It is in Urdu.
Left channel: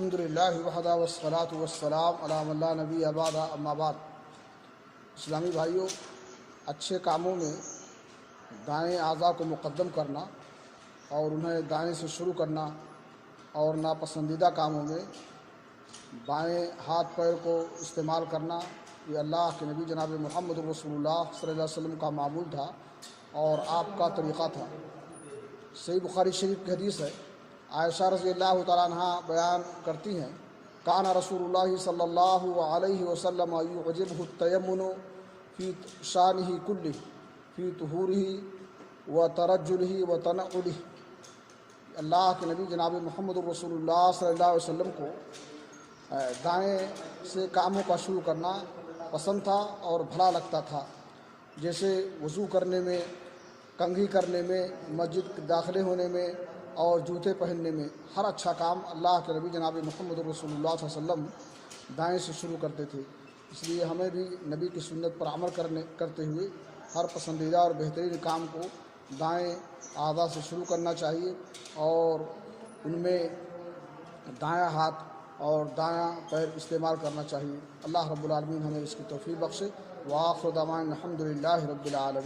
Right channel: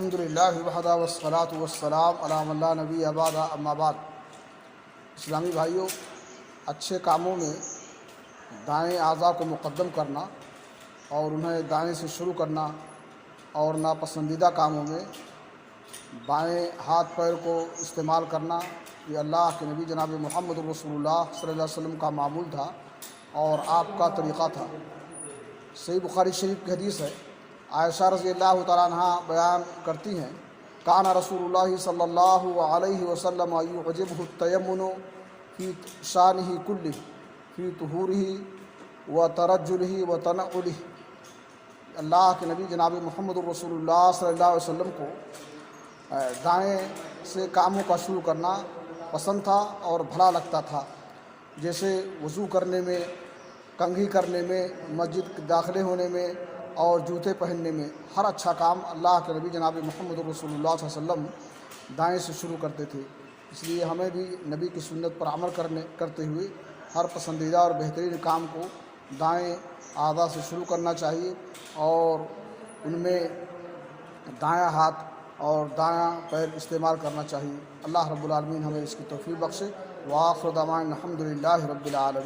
الحمدللہ وحدہ والصلاۃ والسلام علی من لا نبی بعد اما بعد۔ اسلامی بھائیوں، اچھے کاموں میں دائیں اعضاء کو مقدم کرنا اور انہیں دائیں سے شروع کرنا اور ناپسندیدہ کاموں میں بائیں ہاتھ پیر کو استعمال کرنا، یہ اللہ کے نبی جناب محمد رسول اللہ صلی اللہ علیہ وسلم کا معمول تھا اور آپ کا طریقہ تھا۔ صحیح بخاری شریف کی حدیث ہے، عائشہ رضی اللہ تعالیٰ عنہ بیان کرتی ہیں، کان رسول اللہ صلی اللہ علیہ وسلم یعجبہ التیمن فی شانہ کلہ فی طہورہ و ترجلہ و تنعلہ۔ اللہ کے نبی جناب محمد رسول اللہ صلی اللہ علیہ وسلم کو دائیں سے کاموں کا شروع کرنا پسند تھا اور بھلا لگتا تھا، جیسے وضو کرنے میں، کنگھی کرنے میں، مسجد داخلے ہونے میں اور جوتے پہننے میں، ہر اچھا کام اللہ کے نبی جناب محمد رسول اللہ صلی اللہ علیہ وسلم دائیں سے شروع کرتے تھے۔ اس لیے ہمیں بھی نبی کی سنت پر عمل کرتے ہوئے ہر پسندیدہ اور بہترین کام کو دائیں اعضاء سے شروع کرنا چاہیے اور ان میں دایاں ہاتھ اور دایاں پیر استعمال کرنا چاہیے۔ اللہ رب العالمین ہمیں اس کی توفیق بخشے۔ وآخر دعوانا الحمدللہ رب العالمین۔